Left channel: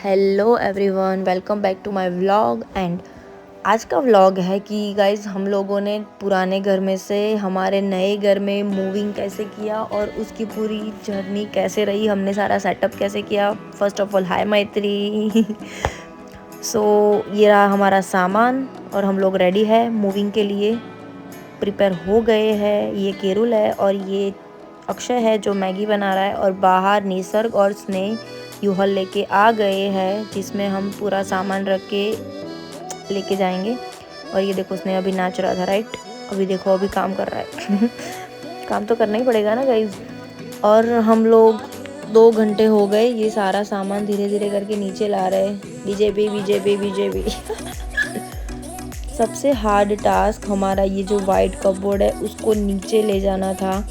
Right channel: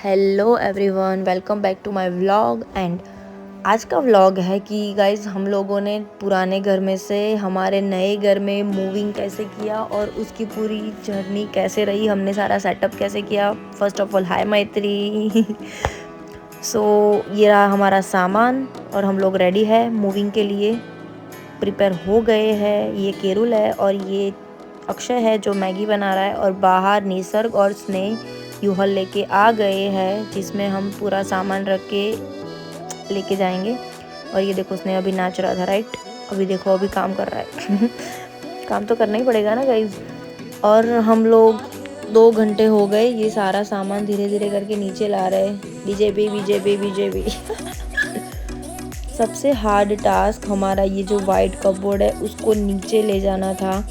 Hello everyone, welcome back to my vlog. And आज का vlog है कि गाइज हम लोगों ने पुराने घर में से हमारे नए घर में मूविंग कैसे किया और उसकी पूरी जर्नी कैसे रही, हमने सारा सेटअप कैसे किया। फर्स्ट ऑफ ऑल हाय मैत्री। सो ये रहा हमारा सामान और हम लोग रेडी है मूविंग के लिए, प्रिपेयर हो गए हैं। ये केरुल है और ये अक्षय है जो मैगी बना रहा है, और बाहर निसर्ग और स्नेह यूहल लेके आ गए हैं जिसमें हम पूरा सामान रख के लेके जाएंगे। और ये देखो स्नेह अभी नाच रहा था, राइट? अभी देखो अभी काम कर रहा है। काम तो करना ही पड़ेगा ना गाइज। और हम लोग 2 घंटे हो गए ये सारा सामान धीरे धीरे करके नीचे ला रहे हैं। BJP BJP BJP. सबसे हार्ड टास्क हमारा ये जो वाइट कपबोर्ड है उसको नीचे ले जाना था।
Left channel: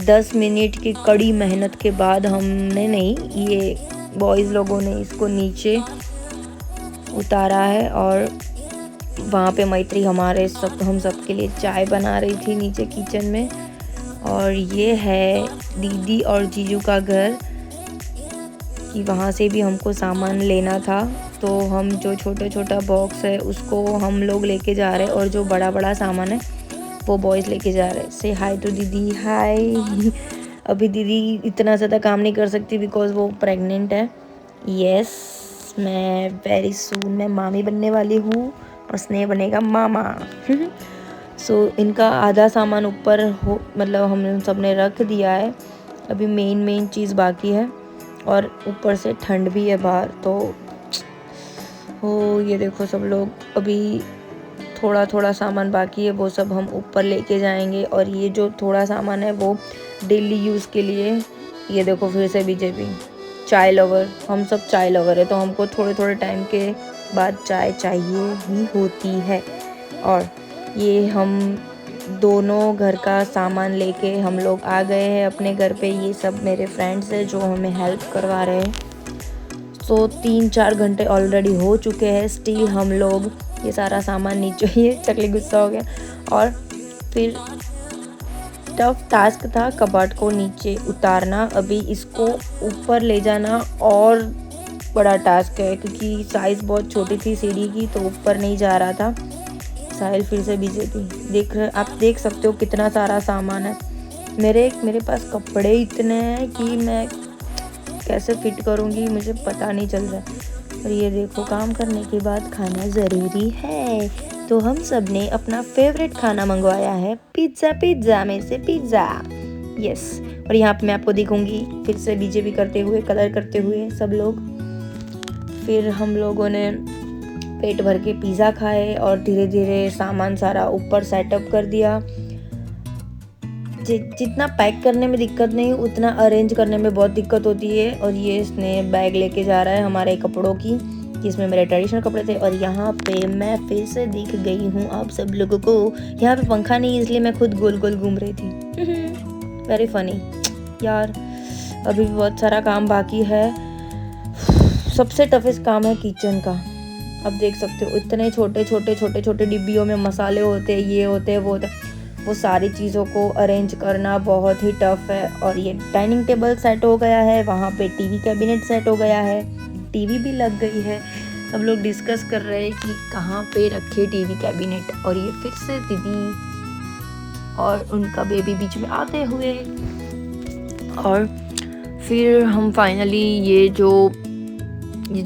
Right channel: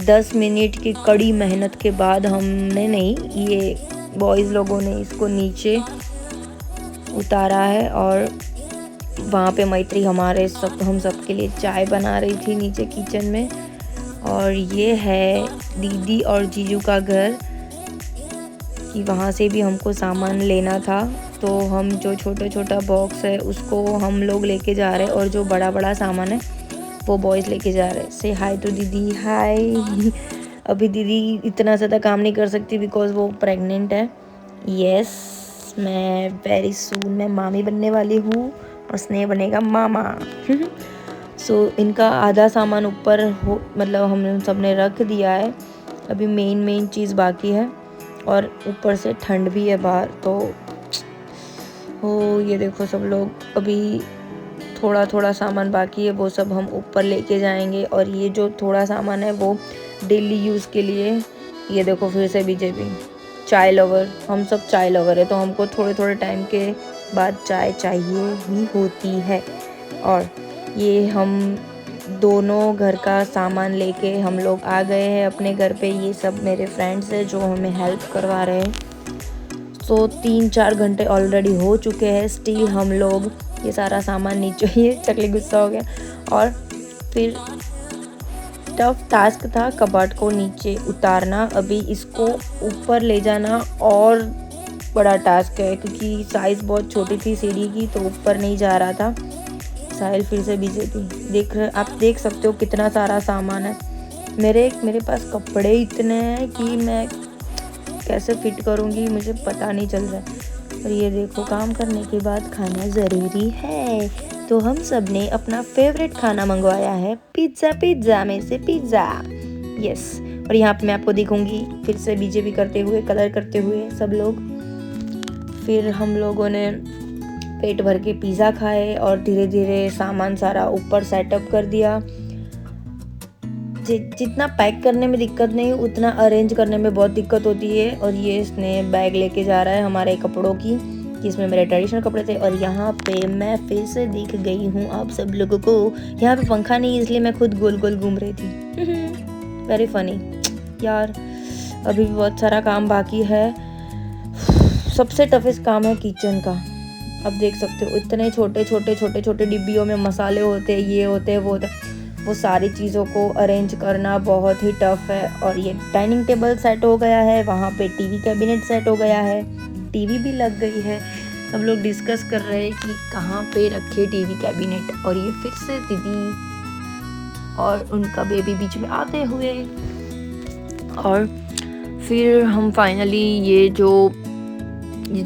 10 मिनट की कड़ी मेहनत के बाद हमने नहीं, ये बॉयज़ लोगों ने इसको नीचे उतारा है। और वहाँ पे मैत्री हम सब के लिए चाय बना रही थी नीचे किचन में। और ये है दीदी और जीजू का घर, कि वहाँ से भी हमको सामान लेना था, तो हम जो छोटा बॉक्स है उसको हम लोग लेके जा रहे हैं और जो बड़ा सामान है वो बॉयज़ लेके जा रहे हैं। से हाय तो दीदी, हाय। अभी दीदी इतना ज़्यादा काम नहीं कर सकती बिकॉज वो प्रेग्नेंट है। यस, मैं वेरी सून मैं मामी बनने वाली हूँ और स्नेह बनेगा मामा। सो इनका आधा सामान ऊपर मतलब हमने सबने रख दिया है। अभी मेन चीज़ बाकी है और ऊपर से ठंड भी है बाहर, तो ये देखो सब लोग अभी थोड़ा सामान बाकी है, वो सब हम ऊपर लेके जाएंगे। और ये जो थोड़ा सामान है वो डेली यूज़ के लिए। ये देखो फिर से बीजेपी चाय लवर, हम सब चाय लवर है तो हमको थोड़े टाइम के बाद चाय चाहिए ही होती है। और ये हम दोनों घर का सामान लेके हम लोग आ गए हैं अपने घर पे। ये सब मेरे फ्रेंड्स हैं जो हमें हेल्प करवा रहे हैं। सो 3-4 घंटे ऑलरेडी हो चुके हैं, स्टिल हम लोग ये सारा सामान नीचे, ये चकली गुस्सा हो गया। और फिर टफ टास्क था कबर्ड को नीचे उतारना, अभी इसको ऊपर ले जाना और बड़ा टास्क है क्योंकि साइज़ बहुत छोटी थी सीढ़ी की, तो ऊपर नहीं जा रहा था। साहिल फिर से बीजेपी आप देख सकते हो कितना सारा सामान है। मेरे पास कपड़े इतने हैं कि मैं कैसे फिट करूँगी मुझे पता नहीं चल रहा है। और ये देखो काम करने के बाद खाना ज़रूरी है, तो हम सब ने अपना फेवरेट खाना मंगवाया है, पिज़्ज़ा में से पिज़्ज़ा। यस, और यहाँ पे मैं आपको दिखूंगी फिर से बीजेपी करते हुए, कलर करते हुए सब लोग। फिर हम लोगों ने पेट भर के पिज़्ज़ा खाए और धीरे धीरे सामान सारा ऊपर सेटअप कर दिया। जितना पैक करने में दिक्कत नहीं उतना अरेंज करने में बहुत दिक्कत होती है। और ये इसने बैग लेके जा रहा है हमारे कपड़ों की, जिसमें मेरे ट्रेडिशनल कपड़े थे। और यहाँ पे मैं फिर से दिख गई हूँ आप सब लोगों को। यहाँ पे पंखा नहीं इसलिए मैं खुद गोल गोल घूम रही थी। वेरी फनी यार। अभी भी बहुत सारा काम बाकी है। सबसे टफेस्ट काम है किचन का। अब देख सकते हो इतने छोटे डिब्बियों में मसाले होते हैं, ये होते हैं वो होते हैं, वो सारी चीज़ों को अरेंज करना बहुत ही टफ है। और ये डाइनिंग टेबल सेट हो गया है, वहाँ पे टीवी कैबिनेट सेट हो गया है, टीवी भी लग गई है। सब लोग डिस्कस कर रहे हैं कि कहाँ पे रखे टीवी कैबिनेट। और ये फिर से दीदी और उनका बेबी बीच में आते हुए। और फिर हम फाइनली ये जो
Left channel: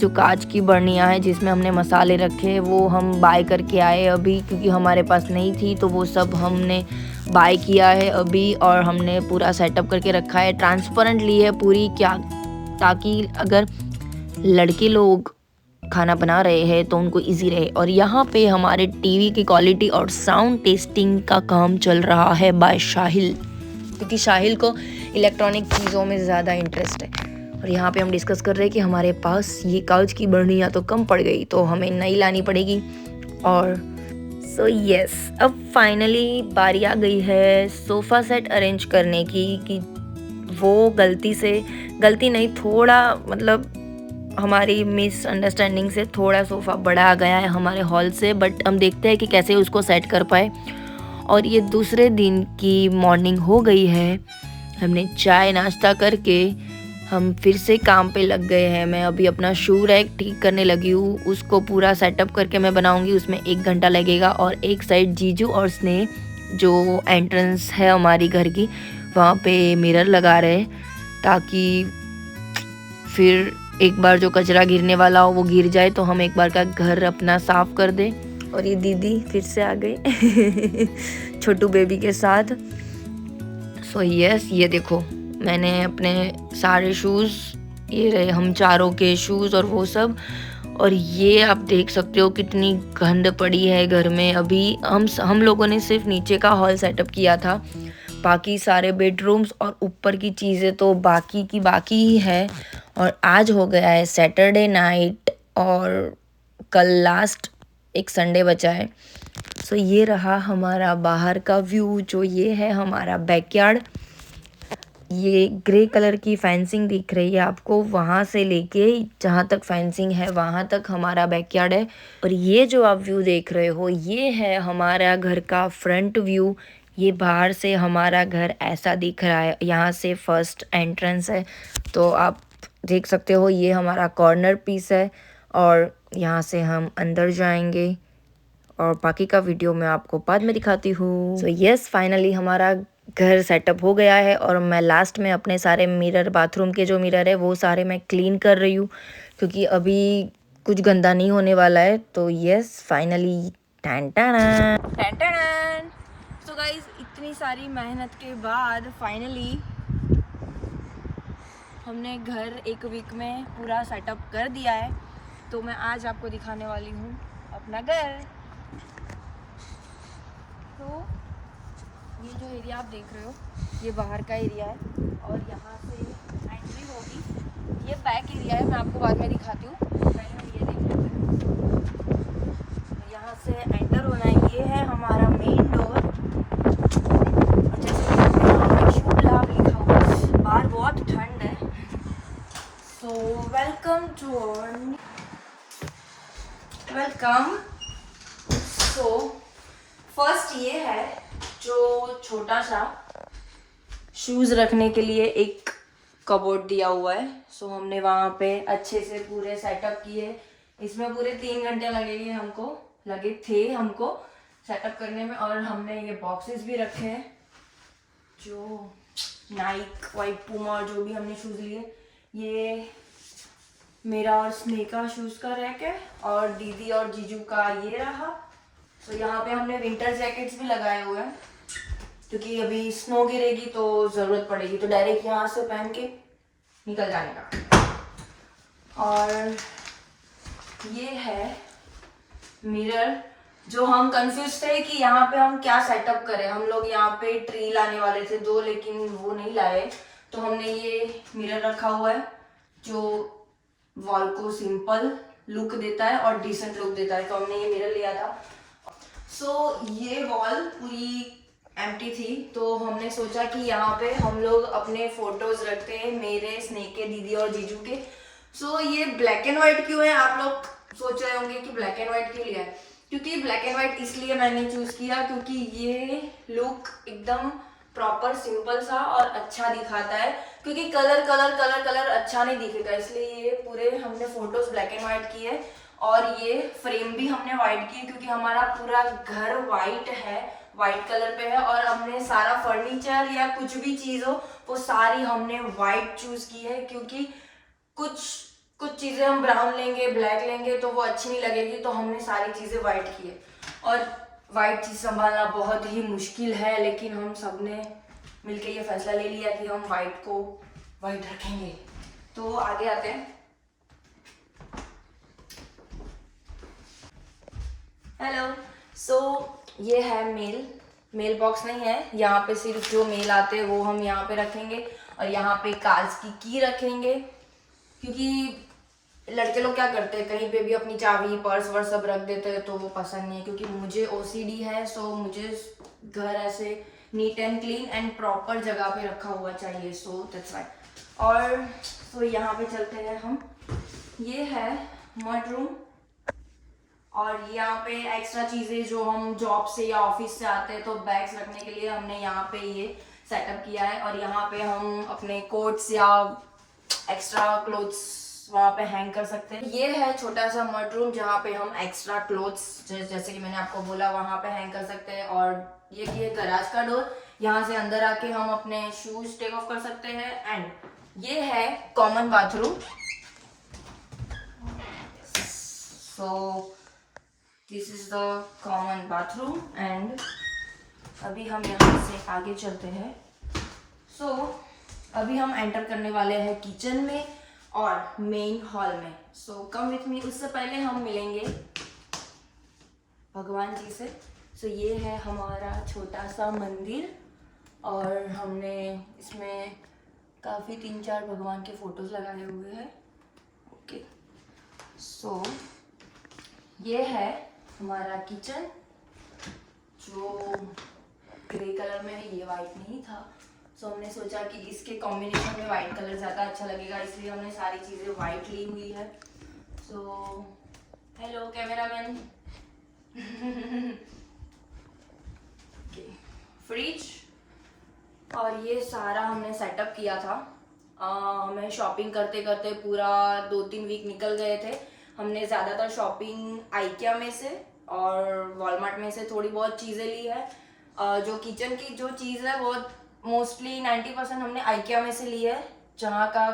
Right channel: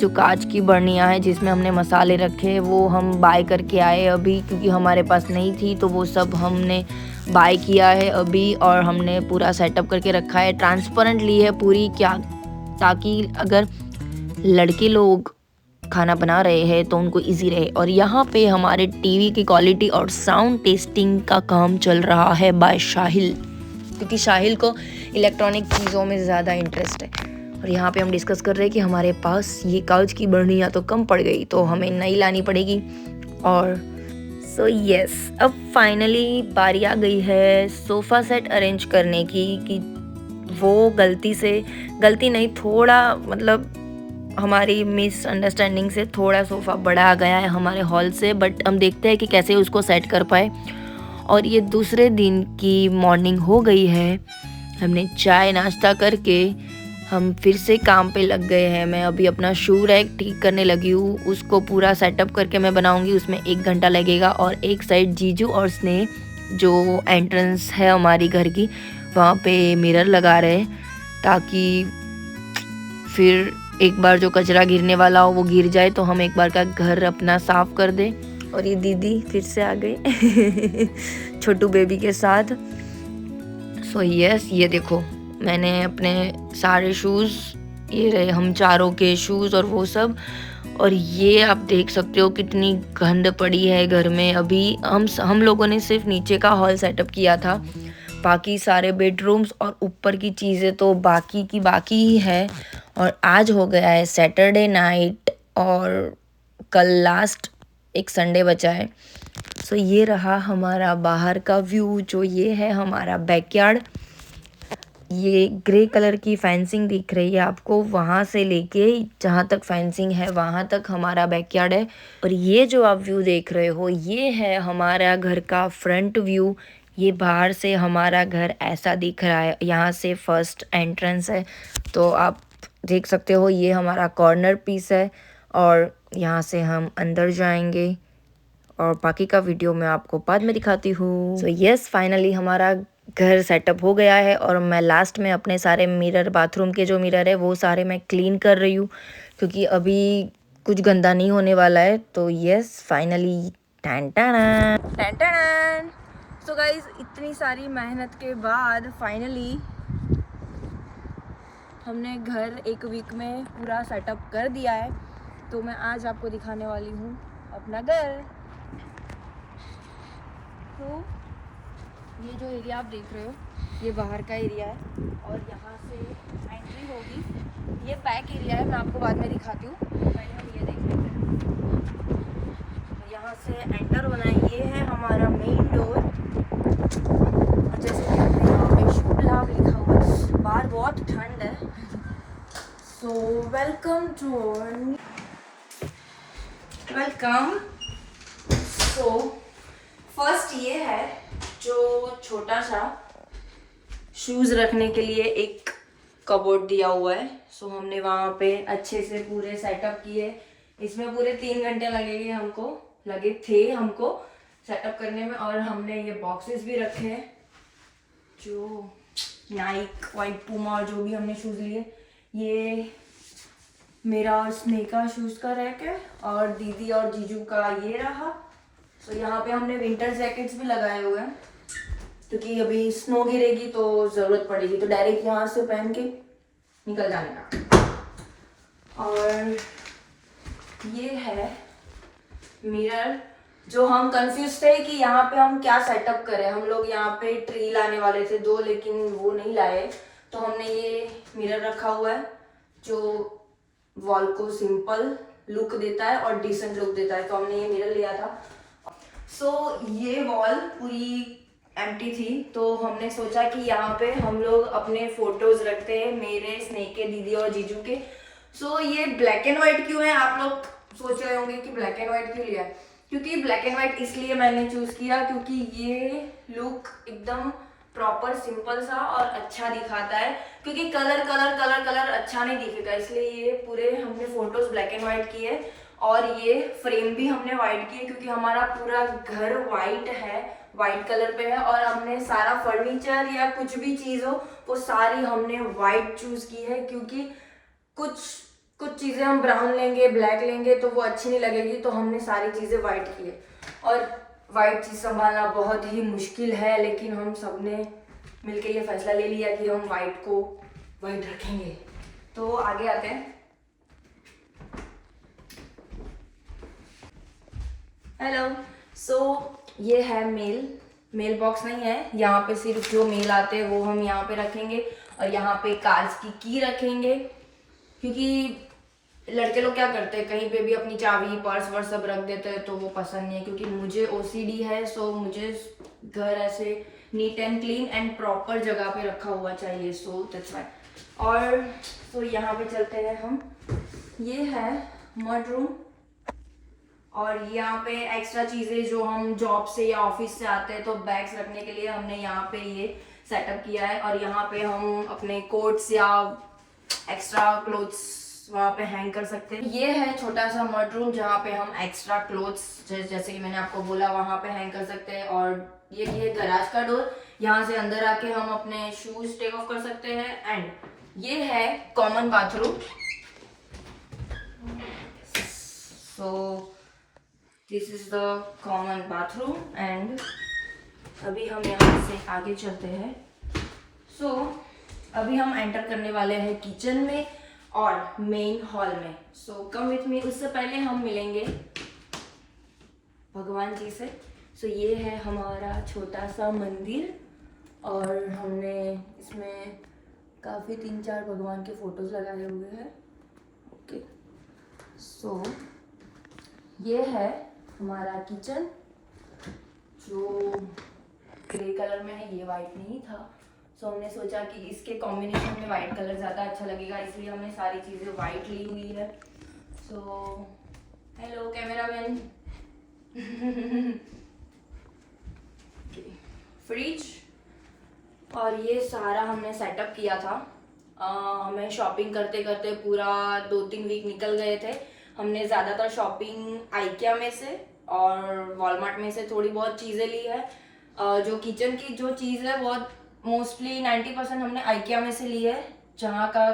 कांच की बर्नियाँ हैं जिसमें हमने मसाले रखे वो हम बाय करके आए अभी, क्योंकि हमारे पास नहीं थी, तो वो सब हमने बाय किया है अभी। और हमने पूरा सेटअप करके रखा है, ट्रांसपेरेंट ली है पूरी, क्या ताकि अगर लड़के लोग खाना बना रहे हैं तो उनको इजी रहे। और यहाँ पे हमारे टीवी की क्वालिटी और साउंड टेस्टिंग का काम चल रहा है बाय शाहिल, क्योंकि शाहिल को इलेक्ट्रॉनिक चीज़ों में ज़्यादा इंटरेस्ट है। और यहाँ पे हम डिस्कस कर रहे हैं कि हमारे पास ये कांच की बर्नियाँ तो कम पड़ गई, तो हमें नई लानी पड़ेगी। और सो यस, अब फाइनली बारी आ गई है सोफ़ा सेट अरेंज करने की। कि वो गलती नहीं, थोड़ा मतलब हमारी मिसअंडरस्टैंडिंग से थोड़ा सोफ़ा बड़ा आ गया है हमारे हॉल से, बट हम देखते हैं कि कैसे उसको सेट कर पाए। और ये दूसरे दिन की मॉर्निंग हो गई है, हमने चाय नाश्ता करके हम फिर से काम पे लग गए हैं। मैं अभी अपना शू रैक ठीक करने लगी हूँ, उसको पूरा सेटअप करके मैं बनाऊँगी, उसमें 1 घंटा लगेगा। और एक साइड जीजू और स्नेह जो एंट्रेंस है हमारी घर की, वहाँ पे मिरर लगा रहे हैं ताकि फिर एक बार जो कचरा गिरने वाला हो वो गिर जाए, तो हम एक बार का घर अपना साफ कर दें। और ये दीदी फिर से आ गई छोटू बेबी के साथ। सो यस, ये देखो मैंने अपने सारे शूज़, ये रहे हम चारों के शूज़ और वो सब। और ये आप देख सकते हो कितनी गंद पड़ी है घर में। अभी हम लोगों ने सिर्फ नीचे का हॉल सेटअप किया था, बाकी सारे बेडरूम्स और ऊपर की चीज़ें तो बाकी की बाकी ही है। और आज हो गया है सैटरडे नाइट और कल लास्ट एक संडे बचा है। सो ये रहा हमारा बाहर का व्यू, जो ये है हमारा बैकयार्ड। ये ग्रे कलर की फेंसिंग दिख रही है आपको, वहाँ से लेके जहाँ तक फेंसिंग है वहाँ तक हमारा बैकयार्ड है। और ये जो आप व्यू देख रहे हो ये है हमारा घर का फ्रंट व्यू। ये बाहर से हमारा घर ऐसा दिख रहा है, यहाँ से फर्स्ट एंट्रेंस है, तो आप देख सकते हो ये हमारा कॉर्नर पीस है। और यहाँ से हम अंदर जाएंगे और बाकी का वीडियो मैं आपको बाद में दिखाती हूँ। सो यस, फाइनली हमारा घर सेटअप हो गया है। और मैं लास्ट में अपने सारे मिरर, बाथरूम के जो मिरर है वो सारे मैं क्लीन कर रही हूँ, क्योंकि अभी कुछ गंदा नहीं होने वाला है। तो yes, finally tan tan. So guys, इतनी सारी मेहनत के बाद फाइनली हमने घर 1 वीक में पूरा सेटअप कर दिया है। तो मैं आज आपको दिखाने वाली हूँ अपना घर। तो ये जो एरिया आप देख रहे हो ये बाहर का एरिया है, और यहाँ से एंट्री होगी। ये बैक एरिया है, मैं आपको बाद में दिखाती हूँ, पहले हम ये देख लेते हैं। यहाँ से एंटर होना है, ये है हमारा मेन डोर। जैसे शुभ लाभ लिखा हुआ है, बाहर बहुत ठंड है। So welcome to welcome. So first ये है जो छोटा सा शूज़ रखने के लिए एक कबोर्ड दिया हुआ है। सो हमने वहाँ पे अच्छे से पूरे सेटअप किए। इसमें पूरे 3 घंटे लगे थे हमको सेटअप करने में। और हमने ये बॉक्सेस भी रखे हैं, जो नाइक, वाइट पूमा और जो भी हमने शूज़ लिए। ये मेरा और स्नेह का शूज़ का रैक है, और दीदी और जीजू का ये रहा। तो यहाँ पे हमने विंटर जैकेट्स भी लगाए हुए हैं, क्योंकि अभी स्नो गिरेगी तो ज़रूरत पड़ेगी, तो डायरेक्ट यहाँ से पहन के निकल जाने का। और ये है मिरर, जो हम कंफ्यूज थे कि यहाँ पे हम क्या सेटअप करें। हम लोग यहाँ पे ट्री लाने वाले थे 2, लेकिन वो नहीं लाए। तो हमने ये मिरर रखा हुआ है जो वॉल को सिंपल लुक देता है और डिसेंट लुक देता है, तो हमने ये मिरर लिया था। सो ये वॉल पूरी एम्प्टी थी, तो हमने सोचा कि यहाँ पे हम लोग अपने फोटोज रखते हैं, मेरे, स्नेह के, दीदी और जीजू के। सो ये ब्लैक एंड व्हाइट क्यों है, आप लोग सोच रहे होंगे कि ब्लैक एंड व्हाइट क्यों लिया है। क्योंकि ब्लैक एंड व्हाइट इसलिए मैंने चूज किया क्योंकि ये लुक एकदम प्रॉपर सिंपल सा और अच्छा दिखाता है। क्योंकि कलर अच्छा नहीं दिखेगा, इसलिए ये पूरे हमने फोटोज ब्लैक एंड व्हाइट किए। और ये फ्रेम भी हमने व्हाइट की, क्योंकि हमारा पूरा घर व्हाइट है, व्हाइट कलर पे है। और हमने सारा फर्नीचर या कुछ भी चीज़ हो वो सारी हमने व्हाइट चूज की है, क्योंकि कुछ चीज़ें हम ब्राउन लेंगे, ब्लैक लेंगे तो वो अच्छी नहीं लगेगी, तो हमने सारी चीज़ें व्हाइट की है। और व्हाइट चीज़ संभालना बहुत ही मुश्किल है, लेकिन हम सब ने मिलकर ये फैसला ले लिया कि हम व्हाइट को व्हाइट रखेंगे। तो आगे आते हैं। हेलो। सो ये है मेल बॉक्स नहीं है, यहाँ पे सिर्फ जो मेल आते हैं वो हम यहाँ पे रखेंगे। और यहाँ पे कार्स की की रखेंगे, क्योंकि लड़के लोग क्या करते हैं, कहीं पे भी अपनी चाबी, पर्स वर्स सब रख देते हैं, तो वो पसंद नहीं है। क्योंकि मुझे OCD है, सो मुझे घर ऐसे neat and clean and proper जगह पे रखा हुआ चाहिए। So that's why. और सो यहाँ पे चलते हैं हम। ये है मड रूम, और यहाँ पे एक्स्ट्रा चीज़ें जो हम जॉब से या ऑफिस से आते हैं तो बैग्स रखने के लिए हमने यहाँ पे ये सेटअप किया है। और यहाँ पे हम अपने कोट्स या एक्स्ट्रा क्लोथ्स वहाँ पे हैंग कर सकते हैं। ये है छोटा सा मड रूम जहाँ पे हम एक्स्ट्रा क्लोथ्स जैसे कि मैंने आपको बोला वहाँ पे हैंग कर सकते हैं। और ये गैराज का डोर, यहाँ से अंदर आके हम अपने शूज टेक ऑफ कर सकते हैं। एंड ये है common bathroom. So this is the common bathroom and अभी हम यहाँ से आगे चलते हैं। सो अभी हम एंटर करने वाले हैं किचन में और मेन हॉल में। सो कम विथ मी। उससे पहले हम मिलेंगे भगवान जी से। सो ये है हमारा छोटा सा मंदिर और हमने इसमें काफ़ी 3-4 भगवान के फोटोज लगाए हुए हैं। ओके, सो ये है हमारा किचन जो ग्रे कलर में है, ये वाइट नहीं था। सो हमने सोचा कि इसके कॉम्बिनेशन में वाइट कलर ज़्यादा अच्छा लगेगा, इसलिए हमने सारी चीज़ें वाइट ली हुई है। So hello cameraman. फ्रिज और ये सारा हमने सेटअप किया था। हमें शॉपिंग करते करते पूरा 2-3 वीक निकल गए थे। हमने ज़्यादातर शॉपिंग आइकिया में से और वॉलमार्ट में से थोड़ी बहुत चीज़ें ली है। जो किचन की जो चीज़ है बहुत मोस्टली 90% हमने आइकिया में से ली है, जहाँ का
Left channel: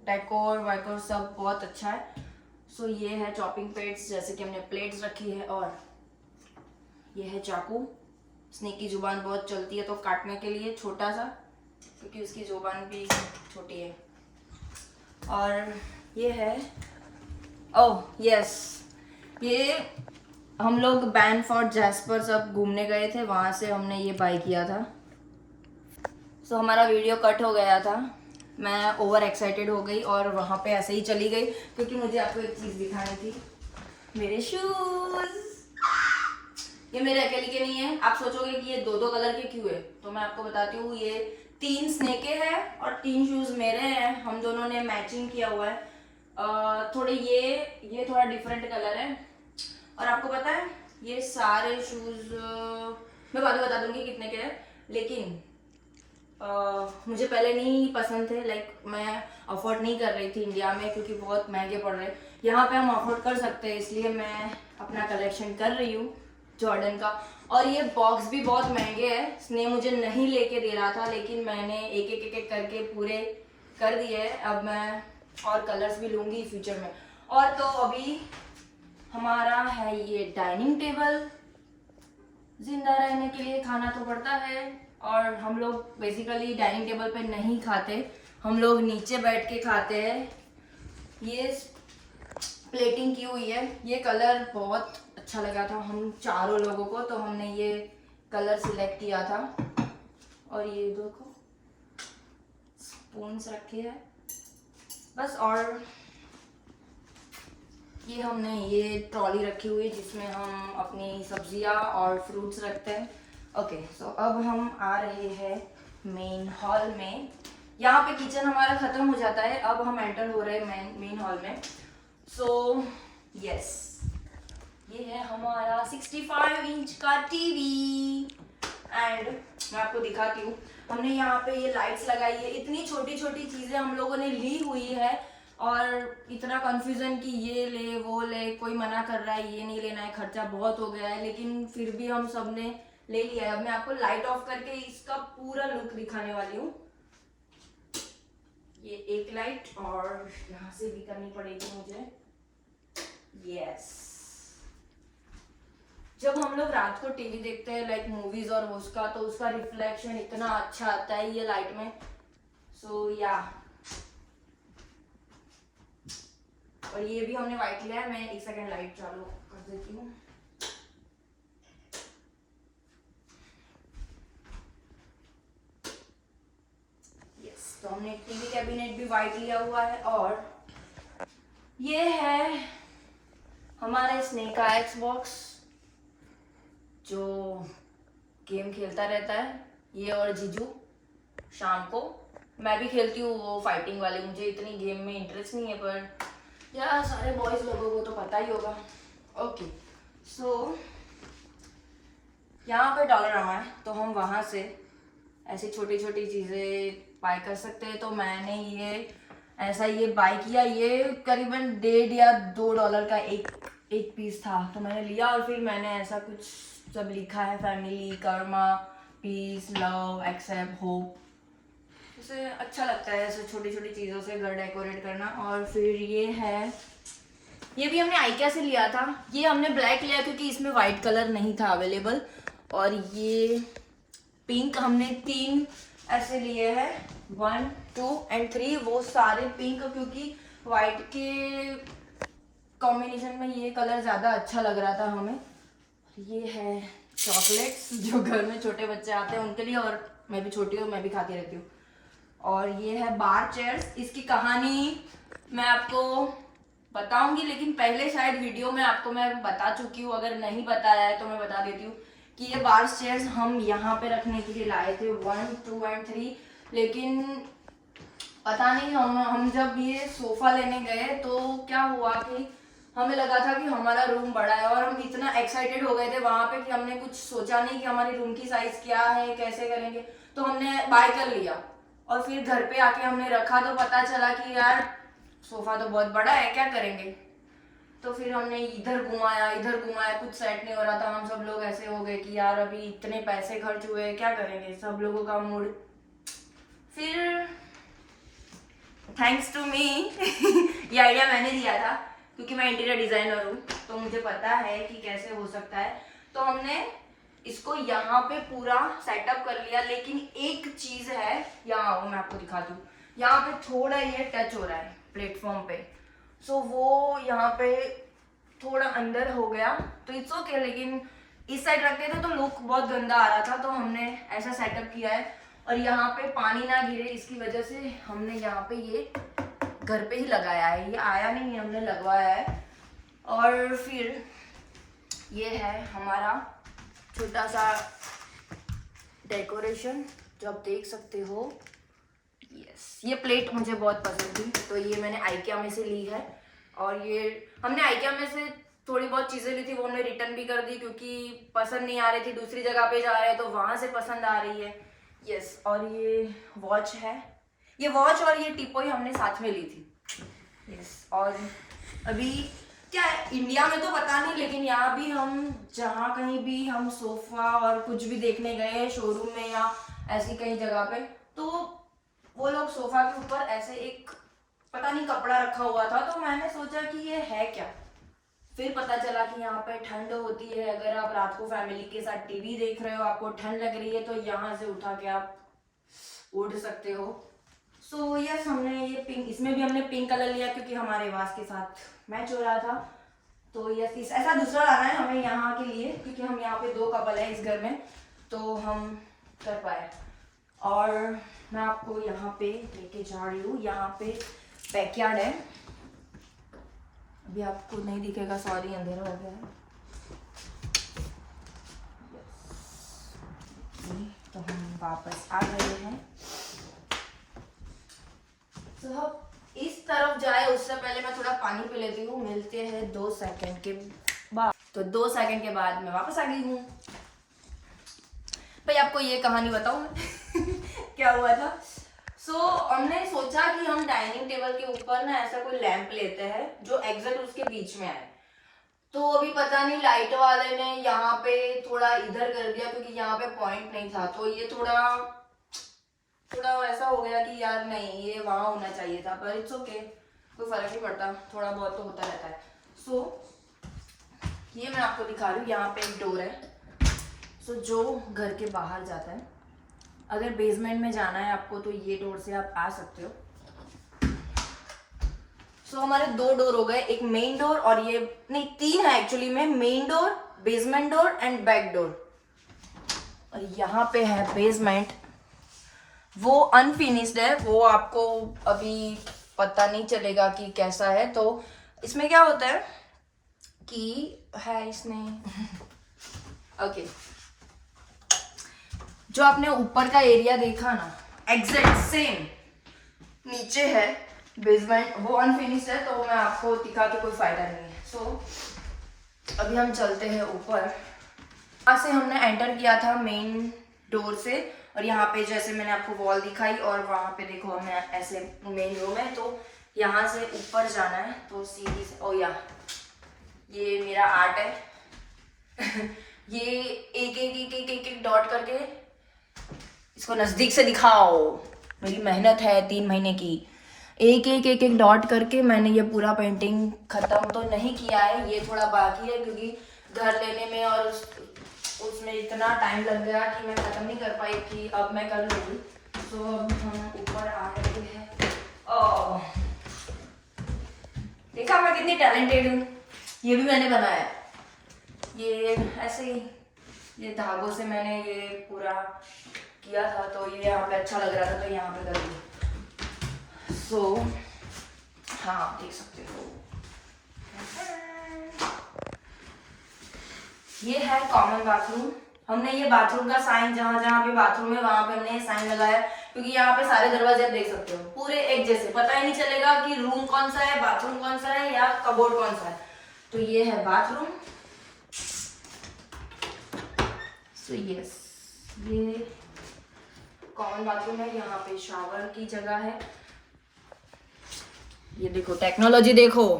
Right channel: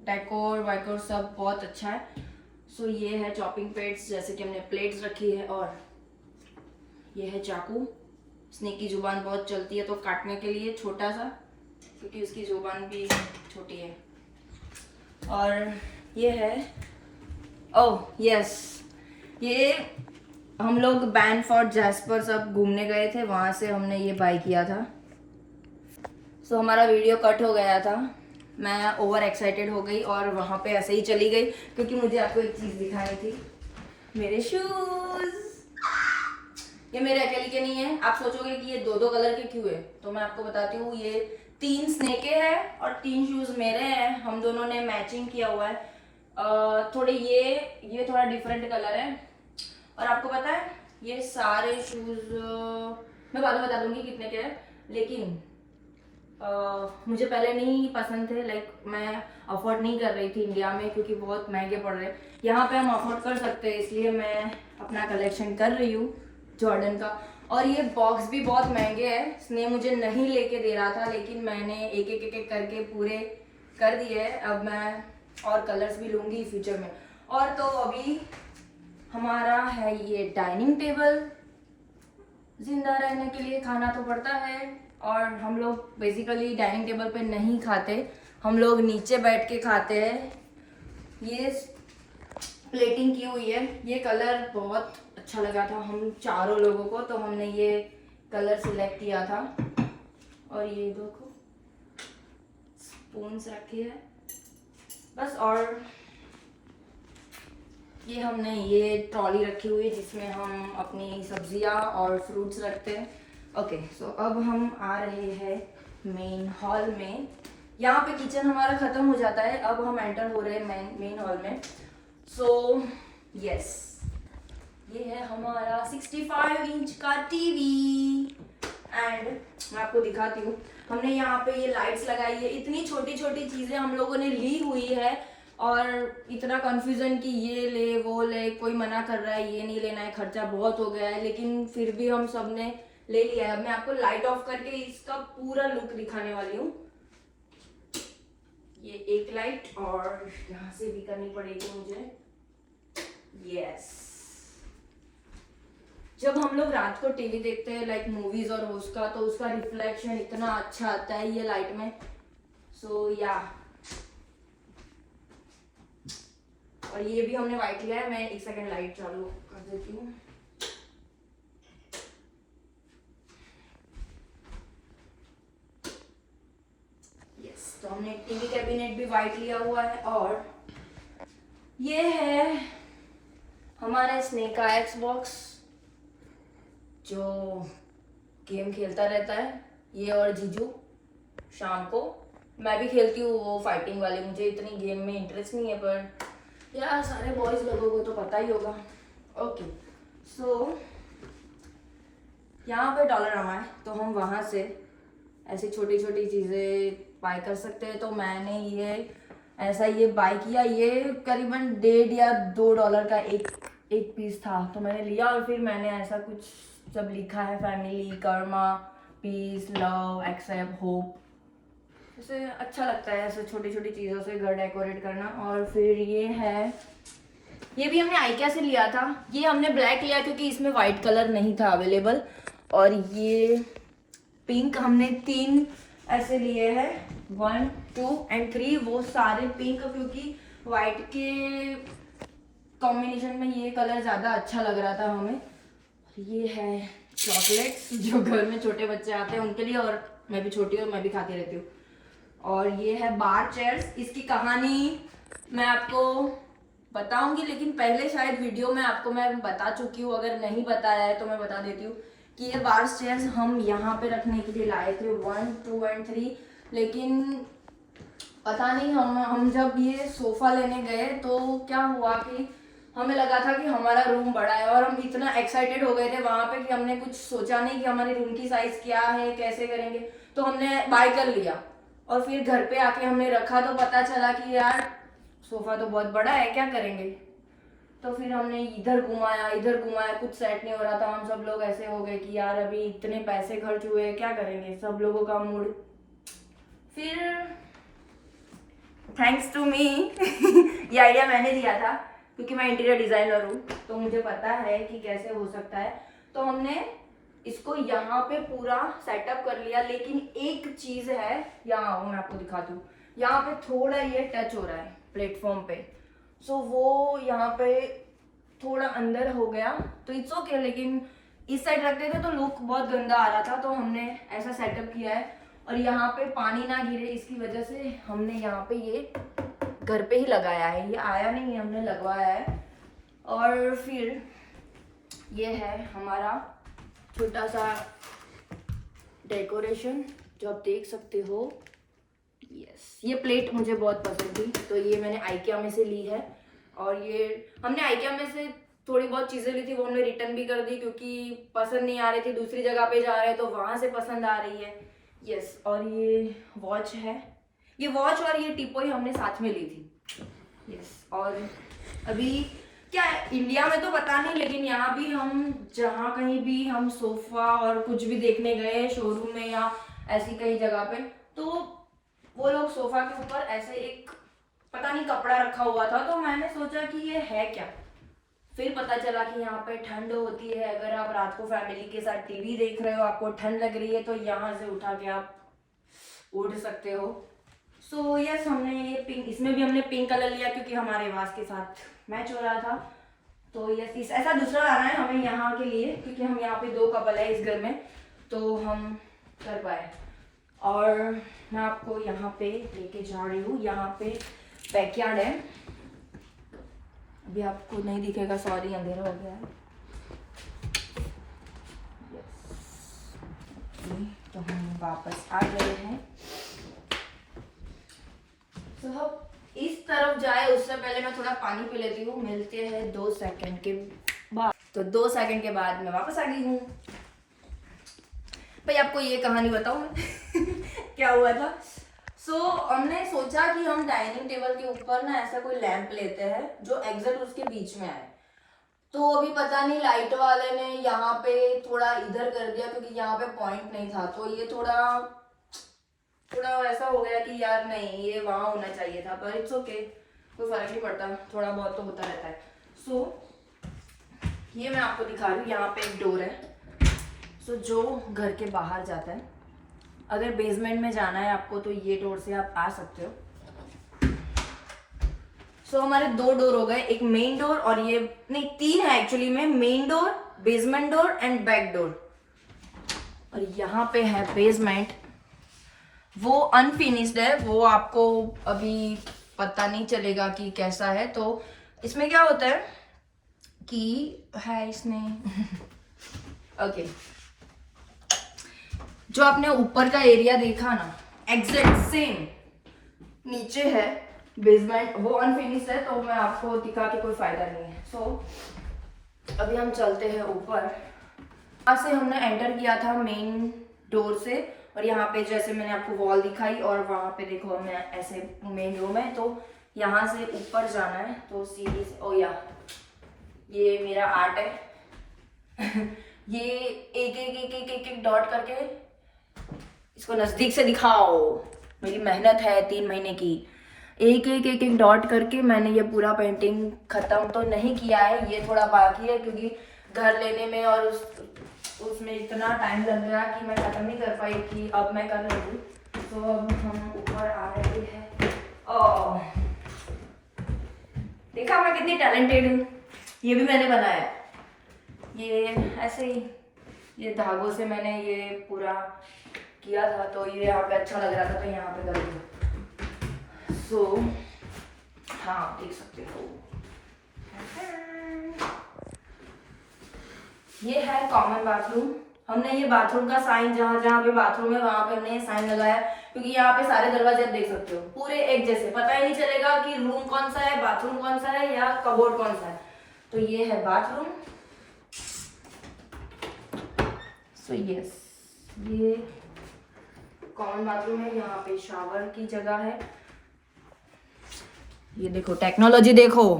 डेकोर वैकोर सब बहुत अच्छा है। सो ये है चॉपिंग प्लेट्स, जैसे कि हमने प्लेट्स रखी है। और ये है चाकू। स्नेक की जुबान बहुत चलती है तो काटने के लिए छोटा सा, क्योंकि उसकी जुबान भी छोटी है। और ये है ओह यस, ये हम लोग बैनफोर्ड जैस्पर सब घूमने गए थे, वहाँ से हमने ये बाय किया था। सो हमारा वीडियो कट हो गया था, मैं ओवर एक्साइटेड हो गई और वहाँ पे ऐसे ही चली गई, क्योंकि मुझे आपको एक चीज़ दिखानी थी, मेरे शूज़। ये मेरे अकेले के नहीं है। आप सोचोगे कि ये 2-2 कलर के क्यों है, तो मैं आपको बताती हूँ। ये 3 स्नेके हैं और 3 शूज़ मेरे हैं, हम दोनों ने मैचिंग किया हुआ है। थोड़े ये थोड़ा डिफरेंट कलर है। और आपको पता है ये सारे शूज़ मैं बाद में बता दूंगी कितने के हैं, लेकिन मुझे पहले नहीं पसंद थे। लाइक मैं अफोर्ड नहीं कर रही थी इंडिया में, क्योंकि बहुत महंगे पड़ रहे। यहाँ पे हम अफोर्ड कर सकते हैं, इसलिए मैं अपना कलेक्शन कर रही हूँ जॉर्डन का। और ये बॉक्स भी बहुत महंगे हैं, इसने मुझे नहीं लेके दे रहा था, लेकिन मैंने एक करके पूरे कर दिए। अब मैं और कलर्स भी लूँगी फ्यूचर में। और तो अभी हमारा है ये डाइनिंग टेबल। जिंदा रहने के लिए खाना तो पड़ता है, और हम लोग बेसिकली डाइनिंग टेबल पे नहीं खाते, हम लोग नीचे बैठ के खाते हैं। ये प्लेटिंग की हुई है, ये कलर बहुत अच्छा लगा था हम चारों लोगों को, तो हमने ये कलर सिलेक्ट किया था। और ये देखो स्पून्स रखे हैं बस। और ये हमने ये ट्रॉली रखी हुई है जिसमें हम अपनी सब्जियां और फ्रूट्स रखते हैं। ओके, सो अब हम आ रहे हैं मेन हॉल में। यहाँ पे किचन हमारा ख़त्म हो जाता है, अब हम एंटर हो रहे हैं मेन हॉल में। सो यस, ये है हमारा 65 इंच का टीवी। एंड मैं आपको दिखाती हूँ, हमने यहाँ पे ये लाइट्स लगाई है। इतनी छोटी छोटी चीज़ें हम लोगों ने ली हुई है, और इतना कंफ्यूजन कि ये ले वो ले, कोई मना कर रहा है ये नहीं लेना है, खर्चा बहुत हो गया है, लेकिन फिर भी हम सब ने ले लिया है। अब मैं आपको लाइट ऑफ करके इसका पूरा लुक दिखाने वाली हूँ। ये एक लाइट और यहाँ से भी करनी पड़ेगी मुझे। यस, जब हम लोग रात को टीवी देखते हैं लाइक मूवीज और उसका, तो उसका रिफ्लेक्शन इतना अच्छा आता है ये लाइट में। सो या, और ये भी हमने वाइट लिया है। मैं 1 सेकंड लाइट चालू कर देती हूँ। यस, तो हमने टीवी कैबिनेट भी वाइट लिया हुआ है। और ये है हमारा स्नेक का एक्सबॉक्स जो गेम खेलता रहता है, ये और जीजू शाम को। मैं भी खेलती हूँ वो फाइटिंग वाले, मुझे इतनी गेम में इंटरेस्ट नहीं है, पर यार सारे बॉयज लोगों को तो पता ही होगा। ओके, सो यहाँ पे डॉलरामा है, तो हम वहाँ से ऐसी छोटी छोटी चीज़ें बाय कर सकते हैं। तो मैंने ये ऐसा ये बाय किया। ये करीबन $1.5 या $2 का एक पीस था, तो मैंने लिया और फिर मैंने ऐसा कुछ सब लिखा है, family, karma, peace, love, accept, hope. उसे अच्छा लगता है ऐसे छोटी छोटी चीज़ों से घर डेकोरेट करना। और फिर ये भी हमने आइकिया से लिया था। ये हमने ब्लैक लिया क्योंकि इसमें वाइट कलर नहीं था अवेलेबल। और ये पिंक हमने 3 ऐसे लिए हैं, 1, 2 और 3, वो सारे पिंक, क्योंकि वाइट के कॉम्बिनेशन में ये कलर ज़्यादा अच्छा लग रहा था हमें। ये है चॉकलेट्स जो घर में छोटे बच्चे आते हैं उनके लिए, और मैं भी छोटी हूँ, मैं भी खाती रहती हूँ। और ये है बार चेयर्स। इसकी कहानी मैं आपको बताऊंगी, लेकिन पहले शायद वीडियो में आपको मैं बता चुकी हूँ, अगर नहीं बताया है तो मैं बता देती हूँ कि ये बार चेयर्स हम यहाँ पे रखने के लिए लाए थे, 1, 2 और 3। लेकिन पता नहीं हम जब ये सोफा लेने गए तो क्या हुआ कि हमें लगा था कि हमारा रूम बड़ा है, और हम इतना एक्साइटेड हो गए थे वहाँ पे कि हमने कुछ सोचा नहीं कि हमारे रूम की साइज क्या है, कैसे करेंगे। तो हमने बाय कर लिया और फिर घर पे आके हमने रखा तो पता चला कि यार सोफा तो बहुत बड़ा है, क्या करेंगे। तो फिर हमने इधर घुमाया, कुछ सेट नहीं हो रहा था। हम सब लोग ऐसे हो गए कि यार अभी इतने पैसे खर्च हुए, क्या करेंगे, सब लोगों का मूड। फिर थैंक्स टू मी ये आइडिया मैंने दिया था क्योंकि मैं इंटीरियर डिजाइनर हूँ, तो मुझे पता है कि कैसे हो सकता है। तो हमने इसको यहाँ पे पूरा सेटअप कर लिया। लेकिन एक चीज है, यहाँ मैं आपको दिखाती हूँ, यहाँ पे थोड़ा ये टच हो रहा है प्लेटफॉर्म पे, सो वो यहाँ पे थोड़ा अंदर हो गया, तो इट्स ओके। लेकिन इस साइड रखते थे तो लुक बहुत गंदा आ रहा था, तो हमने ऐसा सेटअप किया है। और यहाँ पे पानी ना गिरे इसकी वजह से हमने यहाँ पे ये घर पे ही लगाया है, ये आया नहीं है, हमने लगवाया है। और फिर ये है हमारा छोटा सा डेकोरेशन जो आप देख सकते हो। यस, ये प्लेट मुझे बहुत पसंद थी, तो ये मैंने आइकिया में से ली है। और ये हमने आइकिया में से थोड़ी बहुत चीज़ें ली थी, वो हमने रिटर्न भी कर दी क्योंकि पसंद नहीं आ रही थी, दूसरी जगह पे जा रहे हैं तो वहाँ से पसंद आ रही है। यस, और ये वॉच है, ये वॉच और ये टिपोई हमने साथ में ली थी। यस, और अभी क्या है, इंडिया में तो पता नहीं, लेकिन यहाँ भी हम जहाँ कहीं भी हम सोफा और कुछ भी देखने गए शोरूम में या ऐसी कई जगह पे, तो वो लोग सोफा के ऊपर ऐसे एक पता नहीं कपड़ा रखा हुआ था। तो मैंने सोचा कि ये है क्या, फिर पता चला कि यहाँ पे ठंड होती है। अगर आप रात को फैमिली के साथ टीवी देख रहे हो, आपको ठंड लग रही है, तो यहाँ से उठा के आप उड़ सकते हो। सो यस, हमने ये पिंक, इसमें भी हमने पिंक कलर लिया क्योंकि हमारे वास के साथ मैच हो रहा था। तो यस, ऐसा दूसरा लाना है हमें यहाँ के लिए क्योंकि हम यहाँ पे 2 कपल है इस घर में, तो हम कर पाए। और मैं आपको यहाँ पे लेके जा रही हूँ, यहाँ पे बैकयार्ड है। अभी आपको नहीं दिखेगा, सॉरी, अंधेरा हो गया है। तो हम वापस आ गए हैं। तो हम इस तरफ जाए उससे पहले मैं थोड़ा पानी पी लेती हूँ। मिलते हैं 2 सेकंड के बाद। तो 2 सेकंड के बाद मैं वापस आ गई हूँ। भाई आपको ये कहानी बताऊँ मैं क्या हुआ था। हमने सोचा कि हम डाइनिंग टेबल के ऊपर ना ऐसा कोई लैंप लेते हैं जो एग्जैक्ट उसके बीच में आए। तो अभी पता नहीं लाइट वाले ने यहाँ पे थोड़ा इधर कर दिया क्योंकि यहाँ पे पॉइंट नहीं था, तो ये थोड़ा ऐसा हो गया कि यार नहीं, ये वहाँ होना चाहिए था, पर इट्स ओके, कोई फर्क नहीं पड़ता, थोड़ा बहुत तो होता रहता है। ये मैं आपको दिखा रही हूँ, यहाँ पे एक डोर है। जो घर के बाहर जाता है, अगर बेसमेंट में जाना है आपको तो ये डोर से आप आ सकते हो। हमारे 2 डोर हो गए, एक मेन डोर और ये नहीं 3 है एक्चुअली में, main door, basement door and back door. और यहाँ पे है बेसमेंट, वो अनफिनिश्ड है, वो आपको अभी पता नहीं चलेगा कि कैसा है। तो इसमें क्या होता है कि है इसमें ओके, जो आपने ऊपर का एरिया देखा ना, एग्जैक्ट सेम नीचे है बेसमेंट, वो अनफिनिश्ड है, तो मैं आपको दिखा के कोई फायदा नहीं है। अभी हम चलते हैं ऊपर। यहाँ से हमने एंटर किया था मेन डोर से, और यहाँ पे जैसे मैंने आपको वॉल दिखाई, और वहाँ पे देखो मैं ऐसे मेन रूम है, तो यहाँ से ऊपर जाना है तो सीढ़ी से, ओ या ये मेरा आर्ट है ये एक एक एक एक एक एक डॉट करके, इसको नजदीक से दिखाओ, मेरी मेहनत है 3 महीने की, एक एक एक एक डॉट करके मैंने ये पूरा पेंटिंग खत्म तो नहीं किया है, ये थोड़ा बाकी है क्योंकि घर लेने में और उसमें इतना टाइम लग गया कि मैं खत्म नहीं कर पाई, कि अब मैं कर लूँगी। तो अब हम ऊपर आ रहे हैं। देखा मैं कितनी टैलेंटेड हूँ, ये भी मैंने बनाया है, ये ऐसे ही ये धागों से मैंने ये पूरा किया था, तो ये यहाँ पे अच्छा लग रहा था तो यहाँ पे कर दिया। सो हाँ देख सकते हो, ये है कॉमन बाथरूम। हमने ये बाथरूम का साइन, जहाँ जहाँ पे बाथरूम है वहां पे हमने ये साइन लगाया, क्योंकि यहाँ पे सारे दरवाजे आप देख सकते हो पूरे एक जैसे, पता ही नहीं चलेगा कि रूम कौन सा है, बाथरूम कौन सा है या कबोर्ड कौन सा है। तो ये है बाथरूम। सो यस, ये कॉमन बाथरूम है, यहाँ पे शावर की जगह है। ये देखो टेक्नोलॉजी, देखो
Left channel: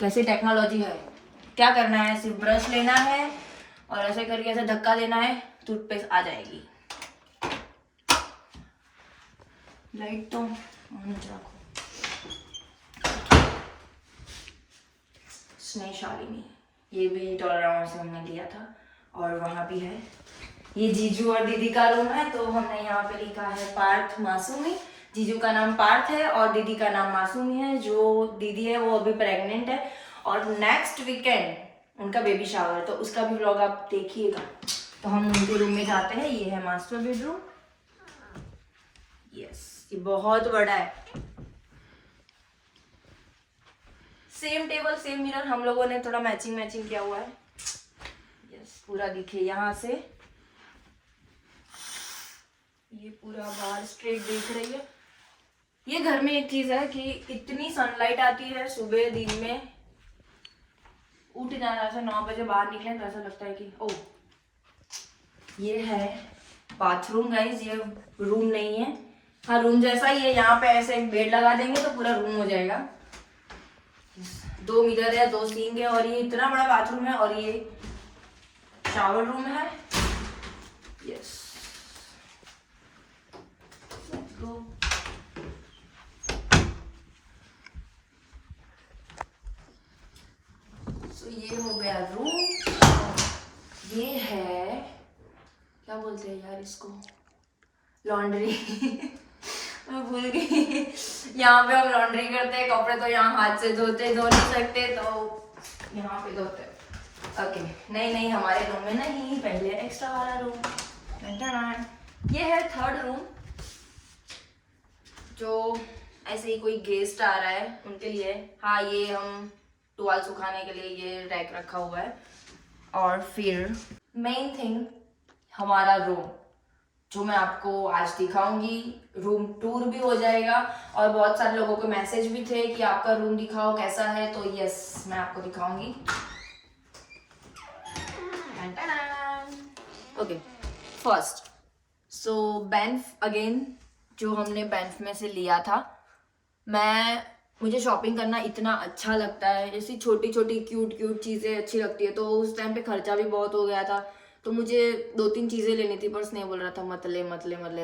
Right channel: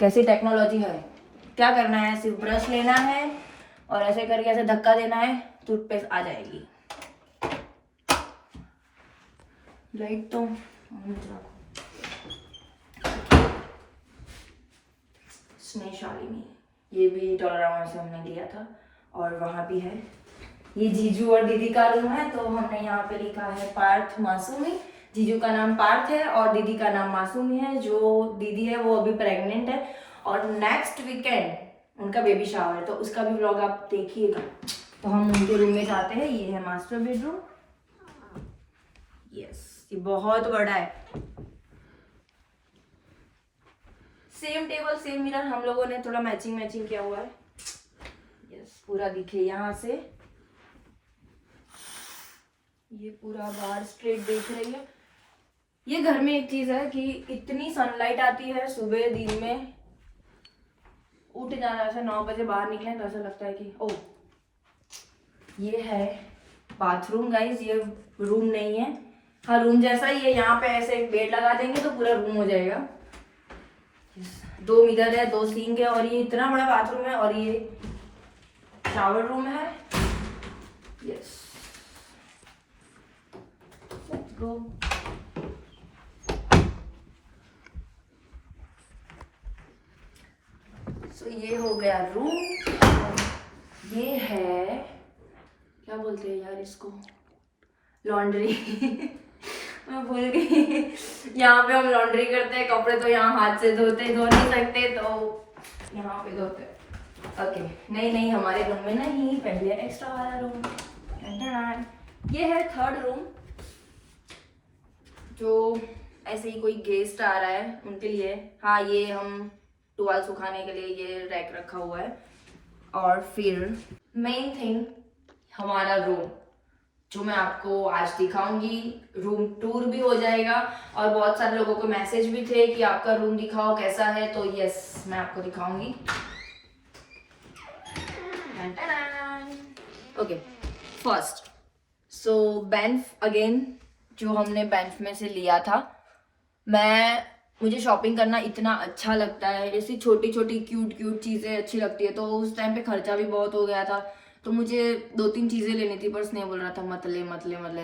कैसी टेक्नोलॉजी है। क्या करना है, सिर्फ ब्रश लेना है और ऐसे करके ऐसे धक्का देना है, टूथपेस्ट आ जाएगी। लाइट तो रखो, स्नेहशालिनी, ये भी टोलराउंड से हमने लिया था। और वहाँ भी है, ये जीजू और दीदी का रूम है, तो हमने यहाँ पे लिखा है पार्थ मासूमी। जीजू का नाम पार्थ है और दीदी का नाम मासूमी है। जो दीदी है वो अभी प्रेग्नेंट है और नेक्स्ट वीकेंड उनका बेबी शावर है, तो उसका भी व्लॉग आप देखिएगा। तो हम उनके रूम में जाते हैं। ये है मास्टर बेडरूम। यस, ये बहुत बड़ा है। सेम टेबल सेम मिरर, हम लोगों ने थोड़ा मैचिंग किया हुआ है। यस, पूरा दिखे यहाँ से, ये पूरा बाहर स्ट्रेट देख रही है। ये घर में एक चीज है कि इतनी सनलाइट आती है सुबह दिन में, उठ जाना ऐसा 9 बजे बाहर निकले तो ऐसा लगता है कि ओ। ये है बाथरूम गाइस, ये रूम नहीं है, हाँ रूम जैसा ही है। यहाँ पे ऐसे बेड लगा देंगे तो पूरा रूम हो जाएगा। 2 मिरर है, 2 सिंक है और ये इतना बड़ा बाथरूम है। और ये शावर रूम है। यस, तो ये हो गया रूम। ये है, क्या बोलते हैं यार इसको, लॉन्ड्री मैं भूल गई। यहाँ पे हम लॉन्ड्री करते हैं, कपड़े तो यहाँ हाथ से धो नहीं सकते, तो यहाँ पे धोते। ओके, नहीं हमारे रूम में नहीं, पहले एक्स्ट्रा वाला रूम। ये है 3rd रूम, जो ऐसे ही कोई गेस्ट आ रहा है उनके लिए। हाँ, ये हम टुवाल सुखाने के लिए ये रैक रखा हुआ है। और फिर मेन थिंग हमारा रूम, जो मैं आपको आज दिखाऊंगी। रूम टूर भी हो जाएगा और बहुत सारे लोगों को मैसेज भी थे कि आपका रूम दिखाओ कैसा है, तो यस मैं आपको दिखाऊंगी। Okay, first so Banff again, जो हमने बैंफ में से लिया था। मुझे शॉपिंग करना इतना अच्छा लगता है, ऐसी छोटी छोटी क्यूट चीज़ें अच्छी लगती है। तो उस टाइम पे खर्चा भी बहुत हो गया था, तो मुझे 2-3 चीज़ें लेनी थी, पर स्नेह बोल रहा था मत ले,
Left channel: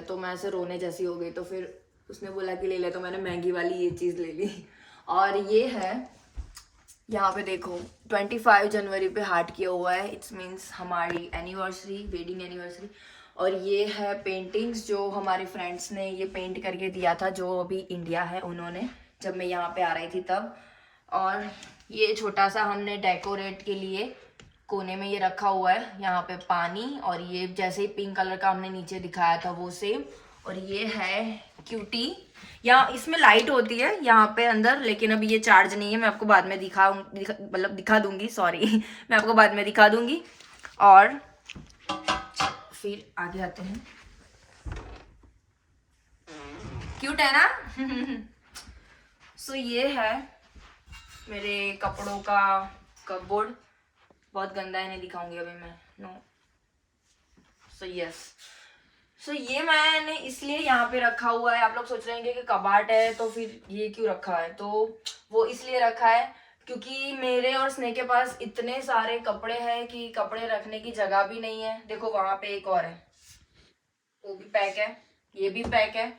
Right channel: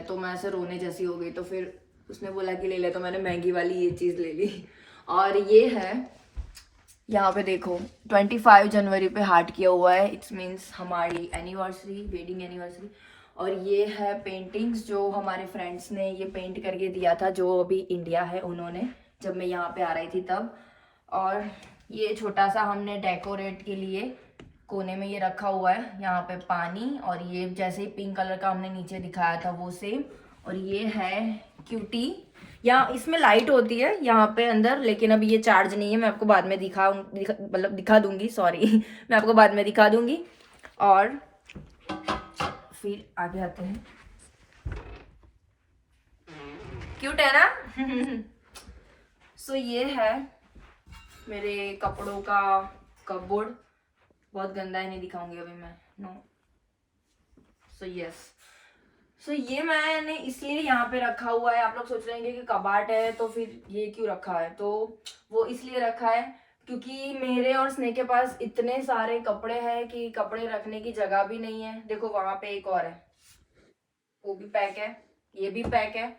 तो मैं ऐसे रोने जैसी हो गई। तो फिर उसने बोला कि ले ले, तो मैंने महंगी वाली ये चीज़ ले ली। और ये है, यहाँ पे देखो 25 जनवरी पे हार्ट किया हुआ है, इट्स मीन्स हमारी एनिवर्सरी, वेडिंग एनिवर्सरी। और ये है पेंटिंग्स जो हमारे फ्रेंड्स ने ये पेंट करके दिया था, जो अभी इंडिया है उन्होंने, जब मैं यहाँ पे आ रही थी तब। और ये छोटा सा हमने डेकोरेट के लिए कोने में ये रखा हुआ है, यहाँ पे पानी, और ये जैसे ही पिंक कलर का हमने नीचे दिखाया था वो सेम। और ये है क्यूटी, यहाँ इसमें लाइट होती है यहाँ पे अंदर, लेकिन अभी ये चार्ज नहीं है, मैं आपको बाद में दिखा दूंगी, सॉरी मैं आपको बाद में दिखा दूंगी। और फिर आगे आते हैं, क्यूट है ना सो ये है मेरे कपड़ों का कपबोर्ड, बहुत गंदा है, नहीं दिखाऊंगी अभी मैं, नो। सो यस, सो ये मैंने इसलिए यहाँ पे रखा हुआ है। आप लोग सोच रहे होंगे कि कबाट है तो फिर ये क्यों रखा है, तो वो इसलिए रखा है क्योंकि मेरे और स्नेह के पास इतने सारे कपड़े हैं कि कपड़े रखने की जगह भी नहीं है। देखो वहां पे एक और है, वो भी पैक है, ये भी पैक है।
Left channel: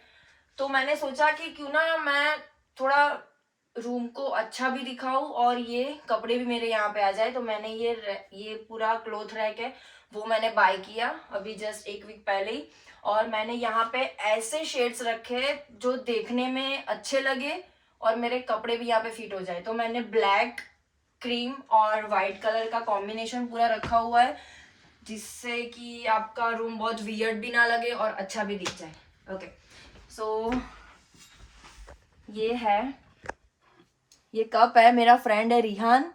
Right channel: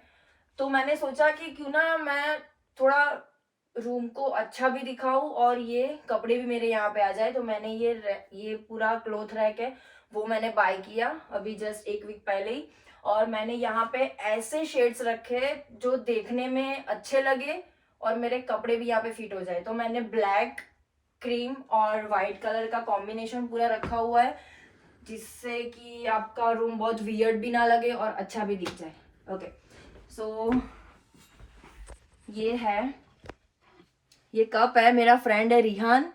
तो मैंने सोचा कि क्यों ना मैं थोड़ा रूम को अच्छा भी दिखाऊं और ये कपड़े भी मेरे यहाँ पे आ जाए। तो मैंने ये पूरा क्लोथ रैक है वो मैंने बाय किया अभी जस्ट 1 वीक पहले ही। और मैंने यहाँ पे ऐसे शेड्स रखे जो देखने में अच्छे लगे और मेरे कपड़े भी यहाँ पे फिट हो जाए। तो मैंने ब्लैक, क्रीम और वाइट कलर का कॉम्बिनेशन पूरा रखा हुआ है, जिससे कि आपका रूम बहुत वियर्ड भी ना लगे और अच्छा भी दिख जाए। ओके, सो ये है, ये कप है, मेरा फ्रेंड है रिहान,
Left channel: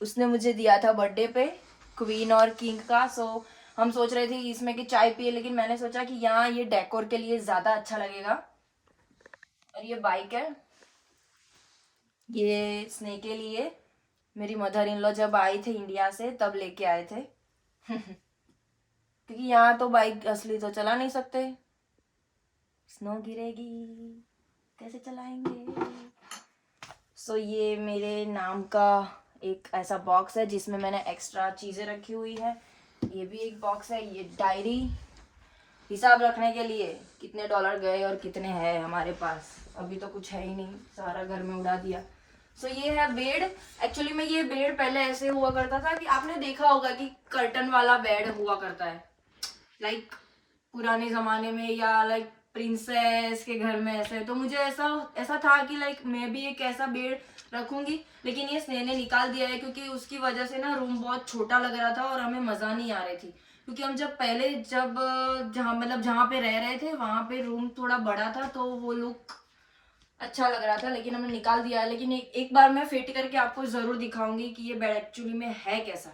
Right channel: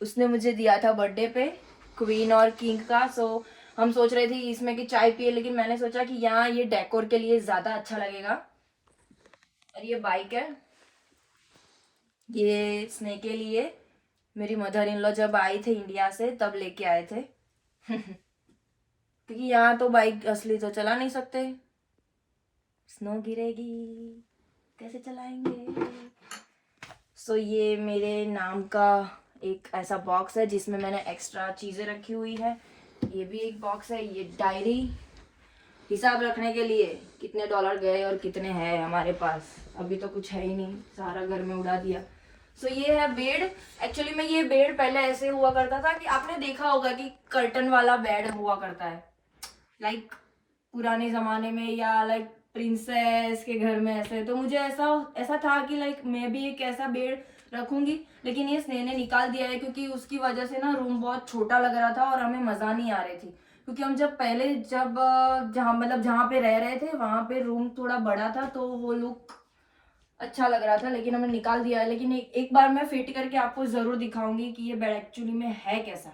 उसने मुझे दिया था बर्थडे पे क्वीन और किंग का। सो हम सोच रहे थे इसमें कि चाय पिए, लेकिन मैंने सोचा कि यहाँ ये डेकोर के लिए ज्यादा अच्छा लगेगा। और ये बाइक है, ये स्नेह के लिए मेरी मदर इन लॉ जब आए थे इंडिया से तब लेके आए थे क्योंकि यहाँ तो बाइक असली तो चला नहीं सकते, स्नो गिरेगी कैसे चलाएंगे। सो ये मेरे नाम का एक ऐसा बॉक्स है जिसमें मैंने एक्स्ट्रा चीज़ें रखी हुई है। ये भी एक बॉक्स है, ये डायरी, हिसाब रखने के लिए कितने डॉलर गए और कितने हैं हमारे पास। अभी तो कुछ है ही नहीं, सारा घर में उड़ा दिया। सो ये है बेड। एक्चुअली में ये बेड पहले ऐसे हुआ करता था कि आपने देखा होगा कि कर्टन वाला बेड हुआ करता है, लाइक पुराने जमाने में या लाइक प्रिंसेस के घर में ऐसे। तो मुझे ऐसा था कि लाइक मैं भी एक ऐसा बेड रखूंगी, लेकिन ये स्नेह ने निकाल दिया है क्योंकि उसकी वजह से ना रूम बहुत छोटा लग रहा था और हमें मजा नहीं आ रही थी। क्योंकि हम जब जहाँ पे रह रहे थे वहां पे रूम थोड़ा बड़ा था तो वो लुक अच्छा लग रहा था, लेकिन हमने निकाल दिया है। लेकिन एक बार मैं फिट करके आपको जरूर दिखाऊंगी कि ये बेड एक्चुअली में है कैसा।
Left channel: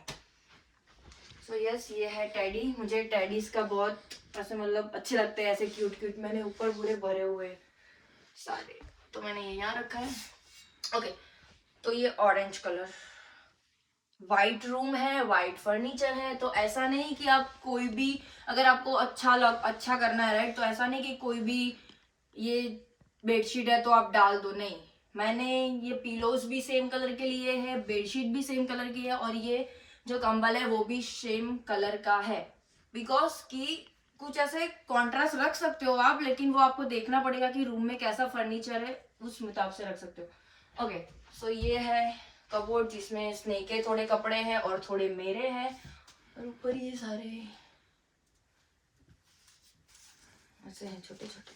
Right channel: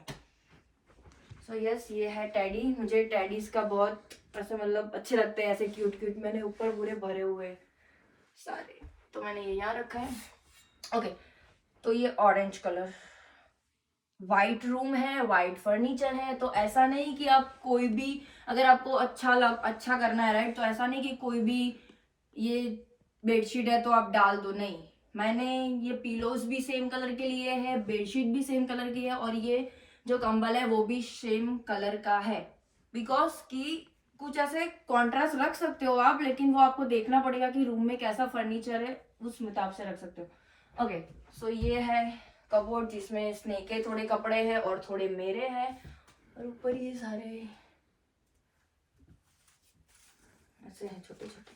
सो यस, ये है टैडी। मुझे टैडीज का बहुत ऐसे मतलब अच्छे लगते हैं, ऐसे क्यूट क्यूट। मैंने ऊपर पूरे भरे हुए सारे, तो मैंने ये यहाँ रखा है। ओके, तो ये ऑरेंज कलर, वाइट रूम है, वाइट फर्नीचर है। तो ऐसा नहीं कि आप कोई भी, अगर आपको अच्छा करना है राइट, तो ऐसा नहीं कि कोई भी ये बेडशीट है तो आप डाल दो, नहीं। मैंने ये पिलोज भी सेम कलर के लिए है, बेडशीट भी सेम कलर की है और ये जो कंबल है वो भी सेम कलर का है। बिकॉज कि कुछ ऐसे कॉन्ट्रास्ट रख सकते हो आप, लेकिन वो आपको देखना पड़ेगा कि रूम में कैसा फर्नीचर है, उस मुताबिक से रख सकते हो। ओके, सो ये है कबोर्ड जिसमें स्नेह के थोड़े कपड़े हैं और थोड़े मेरे हैं, और ऊपर ये सारे ऐसे हैं छोटे छोटे।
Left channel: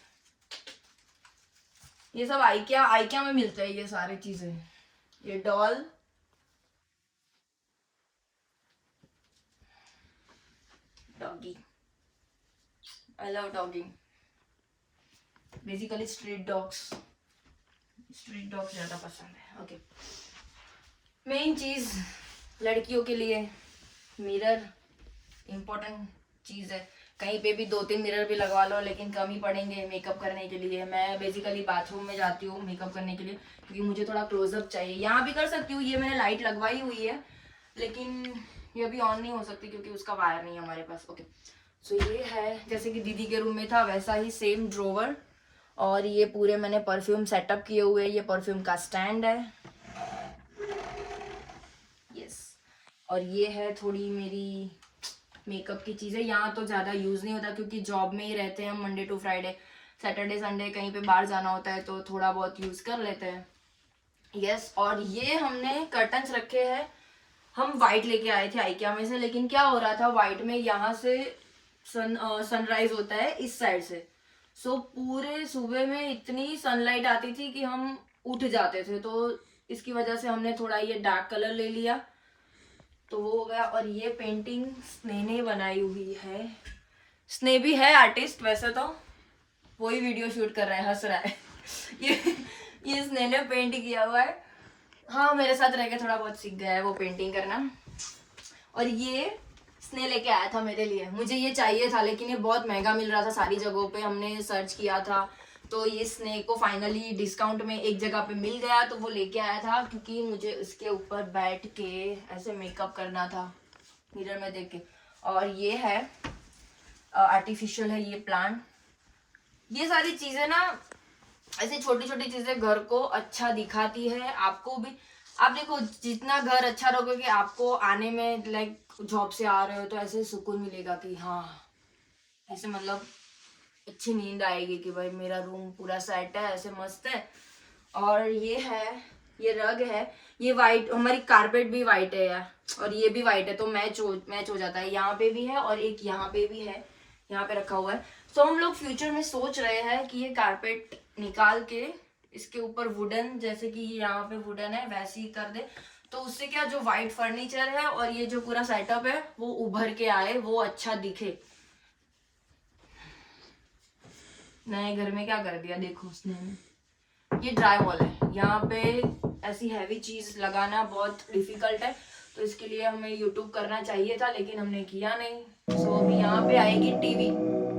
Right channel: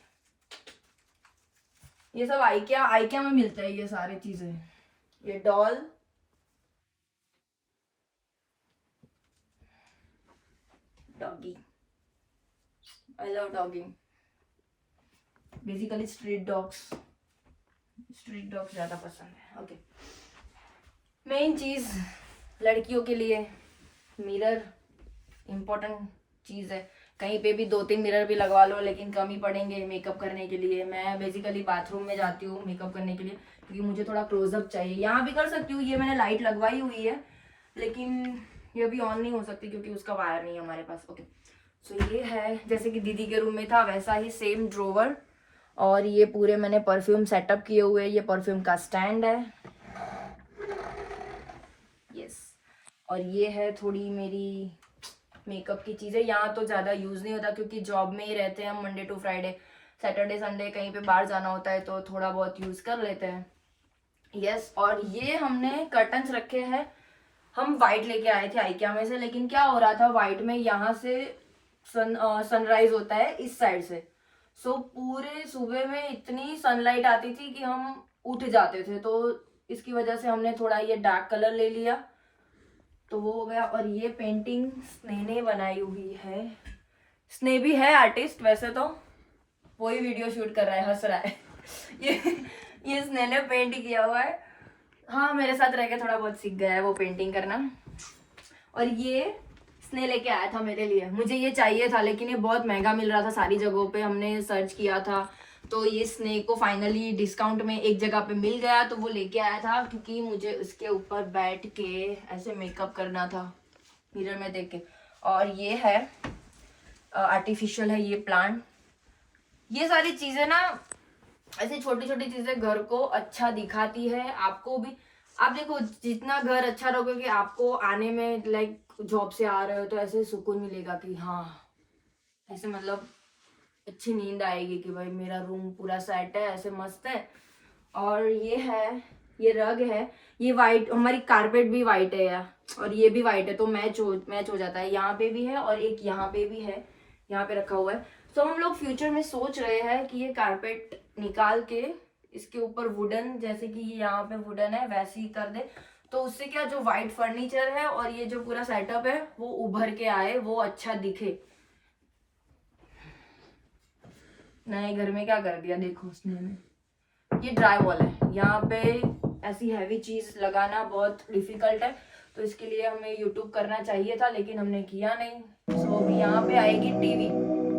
ये सब आइकिया में मिलता है ये सारी चीजें। ये doll, doggy, I love डॉगिंग, basically street dogs ज्यादा पसंद है। ओके, मेन चीज लड़कियों के लिए मिरर इम्पोर्टेंट चीज है। कहीं पे भी 2-3 मिरर भी लगवा लो, लेकिन कम ही पड़ेंगे मेकअप करने के लिए। मैं बेसिकली बाथरूम में जाती हूँ मेकअप करने के लिए क्योंकि मुझे थोड़ा क्लोजअप चाहिए। यहाँ भी कर सकती हूँ, ये मैंने लाइट लगवाई हुई है, लेकिन ये अभी ऑन नहीं हो सकती क्योंकि उसका वायर नहीं है हमारे पास। ओके, सो ये है जैसे कि दीदी के रूम में था वैसा ही सेम ड्रोवर, और ये पूरे मैंने परफ्यूम सेटअप किए हुए हैं। ये परफ्यूम का स्टैंड है, यस। और ये है थोड़ी मेरी मेकअप की चीज़ें। यहाँ तो ज़्यादा यूज़ नहीं होता क्योंकि जॉब में ही रहते हैं हम, Monday to Friday. Saturday Sunday कहीं पे बाहर जाना होता है तो थोड़ा बहुत यूज़ कर लेते हैं, यस। और ये हमने कर्टन्स रखे हैं, हम वाइट लेके आए थे आइकिया में से, लेकिन क्या हो रहा था वाइट में यहाँ से सनराइज होता है इस साइड से। सो पूरे सुबह में इतनी सनलाइट आती थी कि हम उठ जाते थे, तो इसकी वजह से हमने थोड़ा ये डार्क कलर ले लिया तो वो हो गया। और ये पेंटिंग स्नेह ने बनाई हुई है। स्नेह भी है आर्टिस्ट वैसे तो, वही वीडियो शूट कर रहा है, हंस रहा है ये स्नेह ने पेंट किया हुआ है। हाँ, मेरे साथ रह के थोड़ा बहुत सीख गया है वो पेंटिंग करना। और ये स्नेह लेके आया था मेरे लिए, मुझे ये चाहिए था लेकिन ये बहुत महंगा मिल रहा था सारी जगहों पे, हमने सर्च किया था। तो ये स्नेह को फाइनली डिस्काउंट में एक जगह पे मिल गया तो वो लेके आया था, क्योंकि मुझे उसके ऊपर बैठ के ऐसे मेकअप करना था मिरर में देख के। और ये है आर्टिफिशियल है ये प्लांट। ये सारी चीजें ना, ऐसी छोटी छोटी चीजें घर को अच्छा दिखाती है। आपको भी, आप देखो जितना घर अच्छा रखोगे आपको आने में, लाइक जॉब से आ रहे हो तो ऐसे सुकून मिलेगा कि हाँ, ऐसे मतलब अच्छी नींद आएगी कि भाई मेरा रूम पूरा सेट है, ऐसे मस्त है। और ये है, ये रग है, ये वाइट, हमारी कारपेट भी वाइट है यार, और ये भी वाइट है तो मैच हो जाता है। यहाँ पे भी है और एक यहाँ पे भी है, यहाँ पे रखा हुआ है। तो हम लोग फ्यूचर में सोच रहे हैं कि ये कारपेट निकाल के इसके ऊपर वुडन, जैसे कि यहाँ पे वुडन है वैसे ही कर दे, तो उससे क्या जो वाइट फर्नीचर है और ये जो पूरा सेटअप है वो उभर के आए, वो अच्छा दिखे। नए घर में क्या कर दिया देखो उसने। ये ड्राई वॉल है, यहाँ पे ऐसी हैवी चीज लगाना बहुत डिफिकल्ट है, तो इसके लिए हमें यूट्यूब करना चाहिए था लेकिन हमने किया नहीं। सो अभी यहाँ पे आएगी टीवी,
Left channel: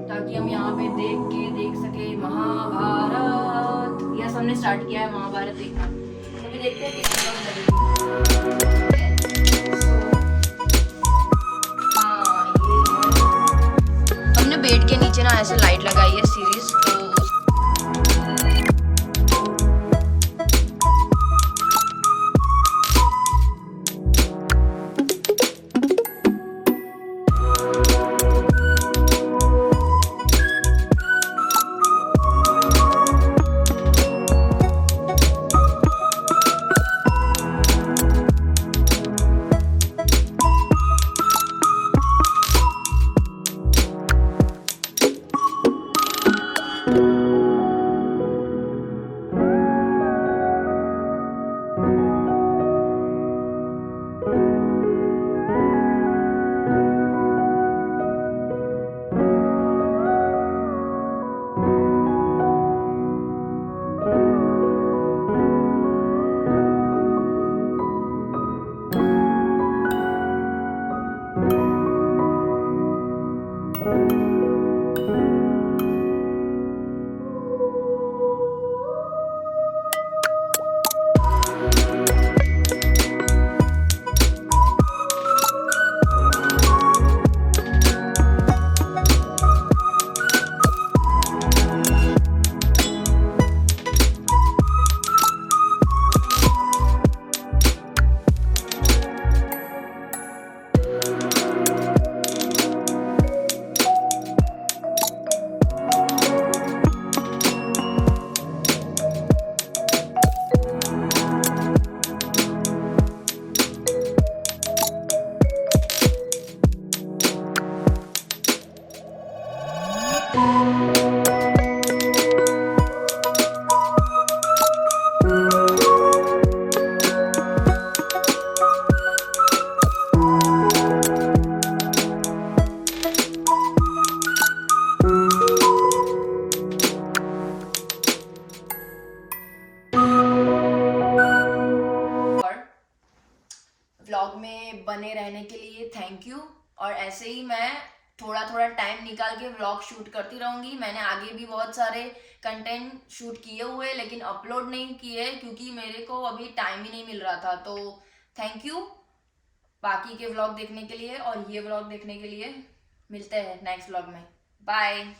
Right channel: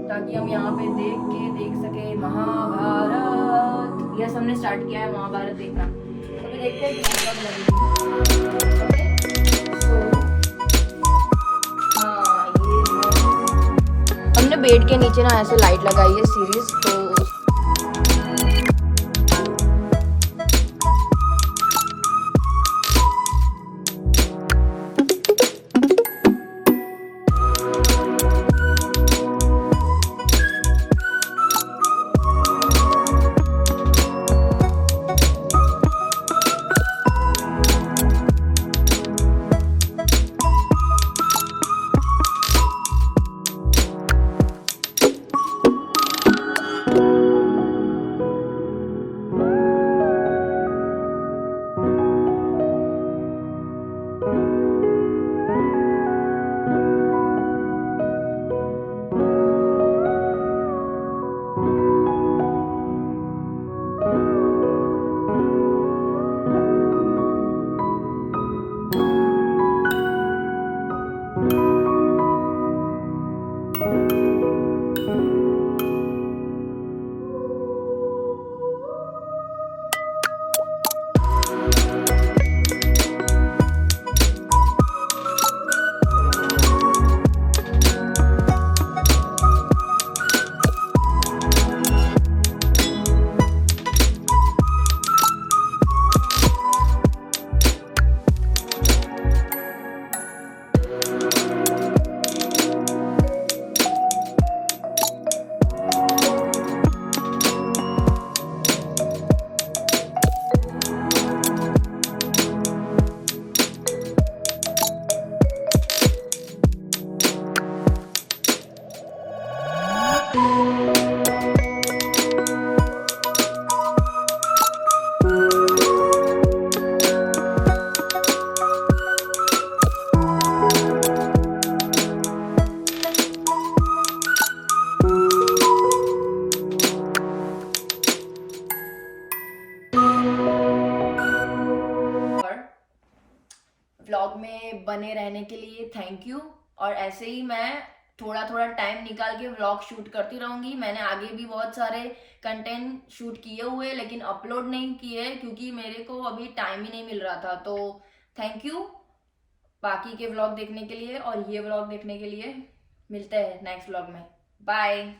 ताकि हम यहाँ पे देख सके महाभारत। यस, हमने स्टार्ट किया है महाभारत देखना, अभी देखते हैं कितनी कब लगेगी। हमने बेड के नीचे ना ऐसे लाइट लगाई है सीरीज, तो व्लॉग में बने रहने के लिए थैंक यू। और ऐसे ही मैं थोड़ा थोड़ा टाइम निकाल के व्लॉग शूट करती रहूंगी। मैंने आगे भी बहुत सारे कंटेंट शूट किए हुए लेकिन अपलोड नहीं किए क्योंकि मेरे को अभी टाइम ही नहीं मिल रहा था। तो थैंक यू बाकी के व्लॉग देखने के लिए और ये व्लॉग देखने के लिए। मिलते हैं नेक्स्ट व्लॉग में, बाय।